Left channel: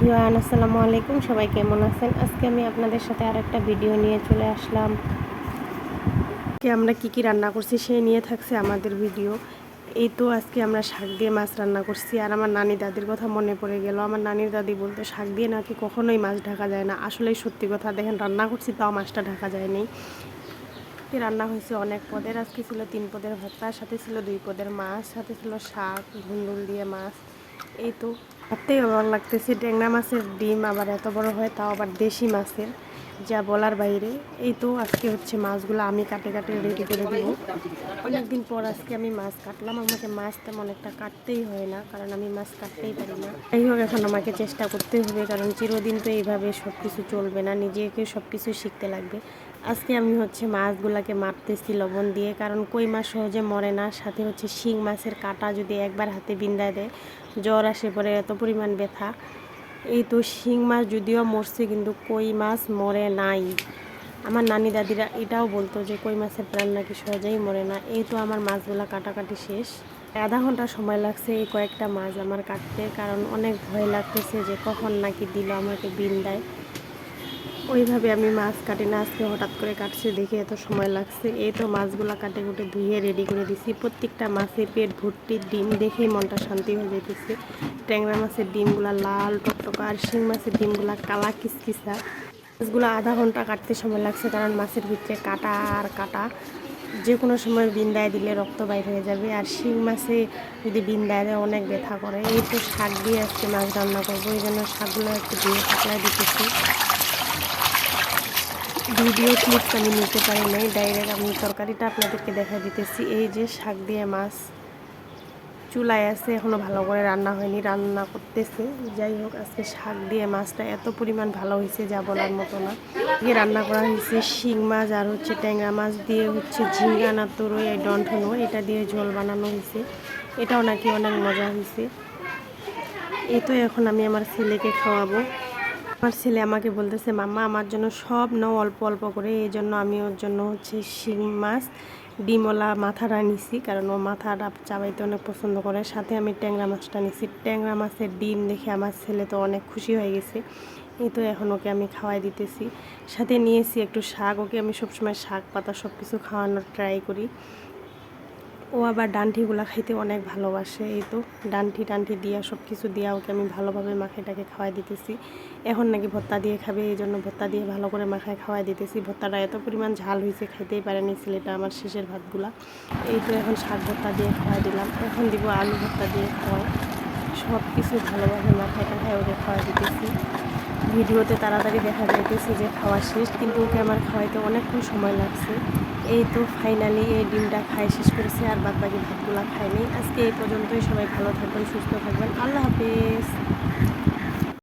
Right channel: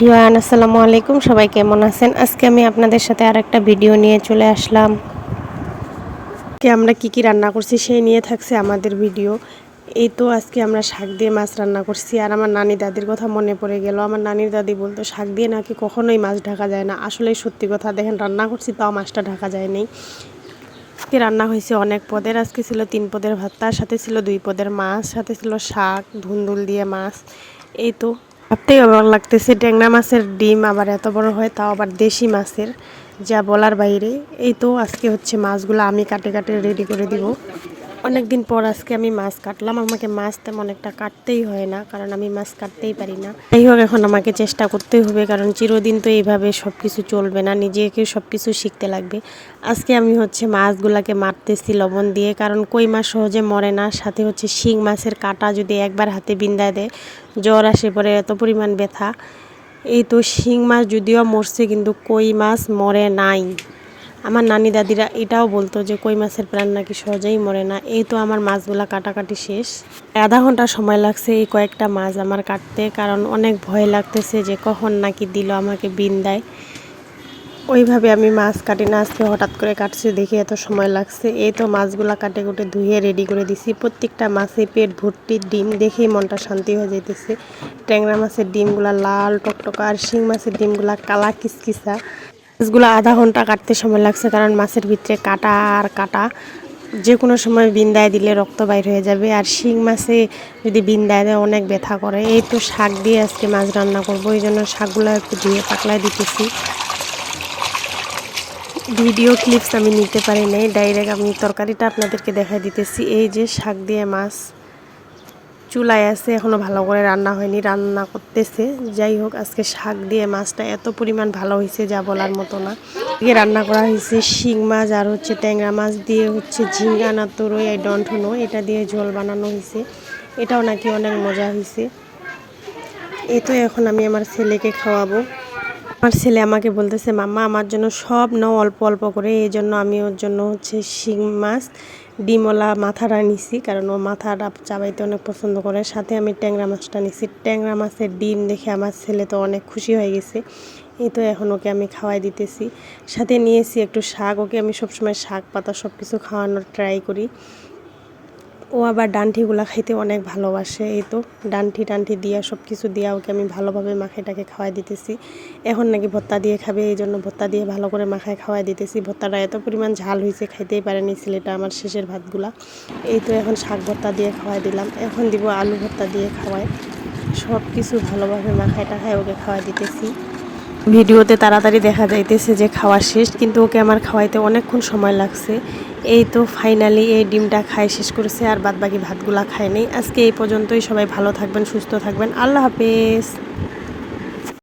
Everyone, আসসালামু আলাইকুম। সবাই কেমন আছেন? আজকে আমি আপনাদের সাথে আরেকটা ভিডিও নিয়ে চলে আসলাম। আমরা কি রান্না করছি সেই নিয়ে থাকছে আমাদের ভিডিও। এই তো আজকে আমরা শাক দিয়ে মাছ রান্না করছি। আর আমার নানি দাদির কথা মনে পড়ে গেল। আমার নানির দাদি বলতো শাক দিয়ে নাকি কখনোই মাছ ঢাকা যায় না। আসলেই সত্যি কথা। দেখেন, রান্না করছি তাও মাছটা ঢাকা যায়নি। আজকে রান্না হয়েছে অনেক পদের। আজকে ছিল 3 পদের ভাত, তার সাথে ছিল 2 পদের মাছ, সাথে ছিল শাক, ধুন্দুল দিয়ে মাছ। এই তো ভাবতেই অবাক লাগতেছে, ট্যাংরা মাছের ডিম আবার এত বড় হয়, তাও আবার দেশি মাছের, যা বলার বাইরে। এই তো আজকে হচ্ছে মাছগুলো আমি কাটে কাটে রেডি করে দিব। অনেকদিন পর আজকে আমি মাছ কাটলাম। আমাকে মাছ তেমন একটা কাটতেই হয় না, কারণ আমি মাছ কাটতেই পারি না। যাই হোক, এখন আমাকে চেষ্টা করতেই হবে, কারণ চিরদিন তো এইভাবে সব কিছু চলবে না, নিজেকে সব কিছু শিখতে লাগবে। আজকে আমি হচ্ছে মাছগুলাকে মারতেছি লবণ দিয়ে, কারণ কই মাছ সহজে মরে না। সাথে হচ্ছে শিং মাছের কাঁটা যদি একবার হাতে বিন্দায় দেয়, জ্বর আসে পরে, এত পরিমাণ ব্যথা। এই তো শিং মাছ যদিও মরছে, কিন্তু কই মাছ মরে নাই। আমার নানি দাদিরা এটাও বলতো যে কই মাছের প্রাণ নাকি সহজেই মরে না। এই তো আমার মাছগুলা কাটাকাটি শেষ। আধা ঘন্টা সময় লাগছে এই কয়েকটা মাছ আমার কাটতে, কারণ অনেক ভয় লাগতেছে যে কখন নাকি দিল আমাকে বিন্দায়। ওইভাবে আমি মাছ কাটি না, আজকে হঠাৎ করে কাটছে দেখে এত সময় লাগছে। এই তো মাছগুলা কাটে কুটে ধুয়ে রেডি করে দিছি। প্রত্যেকটা মাছের পেট ভর্তি ডিম, দেখেই মনটা শান্তি হয়ে যাইতেছে। ট্যাংরা মাছের ডিমগুলা লাল টকটকা, আর শিং মাছের ডিমগুলা কালা কিসকিসা। মাছগুলো আধা ঘন্টা কাটতে সময় লাগছে, কারণ মাছের ভিতরে কাটা আর কাটা, যে কোনো সময় বিন্দায় দিলে রক্ত বাইর হয়ে যাবে। আর শিং মাছে যদি বিন্দায় দেয় অনেক ব্যথা করে। এই তো শাক দিয়ে আজকে মাছ রান্না করবো, এই জন্য শাকগুলো একটু ধুয়ে পাতলায় দিতেছি। ভিডিও ক্লিপস আমি নিতে পারি নাই, ডাইরেক্ট আমি তরকারিটা আপনাদেরকে দেখা দিতেছি। এই যে শাক দিয়ে মাছ চুলায় আছে, এখনও ভালো করে রান্না হয়নি, রান্না করতেছে। যাই হোক, আজকে শাক দিয়ে মাছটা এত পরিমাণ ভালো হয়েছে যা বলার মতো না। আগে রান্না করা হয়েছে শিং মাছ আর হচ্ছে ট্যাংরা মাছ দিয়ে হচ্ছে ঝিঙ্গা না তরই এই ডন্ঠনো, এটা দিয়ে ঝোল বানানো হয়েছে। এটাও নাকি অনেক মজা হয়েছে। এই তো এখন আমি আমার ছেলেকে খাওয়াবো। আমার ছেলে আমাকে বলতেছে, মাম্মা আমার জন্য সব নাও অল্প অল্প করে। এই জন্য আমি ওর জন্য হচ্ছে শিং মাছ ডিমওয়ালা মাথাটা নিছি, কারণ ও মাথাটা চাবাইতে অনেক পছন্দ করে। সাথে আমি ট্যাংরা মাছটা নিছি। ট্যাংরা মাছের ডিম দেখে আমার ছেলে তো অনেক খুশি হয়ে গেছে। এই তো এখন ওকে আমি খাওয়াই দিতেছি। সাথে নিয়েছি একটু শাক, ওকে আমি সবসময় শাক পাতা সব কিছু খাওয়ানোর ট্রাই করি। ও আবার ডান্ঠিগুলা খাইতে অনেক ভালোবাসে। এই তো ডান্ঠি দিয়া সব কিছু দিয়া ওকে আমি ভালোভাবে মাখাইটাকে খাওয়াই দিতেছি। এখন নাকি ভর্তা দিয়ে খাবে, এই জন্য ভর্তা দিয়ে ভালো করে মাখায় খাওয়াই দিতেছি। ভর্তাটা এত পরিমাণ ঝাল হয়েছে, খাইতেই পারেনি ছেলেটা আমার শেষের ভাতগুলা। এই তো এখন শাক ভর্তা দিয়ে খাওয়াই দিলাম, এখন দিব আলু ভর্তা দিয়ে খাওয়াই। সব কিছু ভালোভাবে মাখায় টাখায় ওকে খাওয়াই দিতেছি। ভিডিওতে তাড়াতাড়ি দেখা যাইতেছে যে খাওয়া শেষ, কিন্তু ওকে আমার খাওয়াইতে অনেকক্ষণ সময় লাগছে। এই তো ফাইনালি এই ডিমটা খাই শেষ করেছে, আর বাদবাকি ভাতগুলা খায় নেই। আজকে এই পর্যন্তই। সবাই ভালো থাকবেন, সুস্থ থাকবেন। আল্লাহ হাফেজ।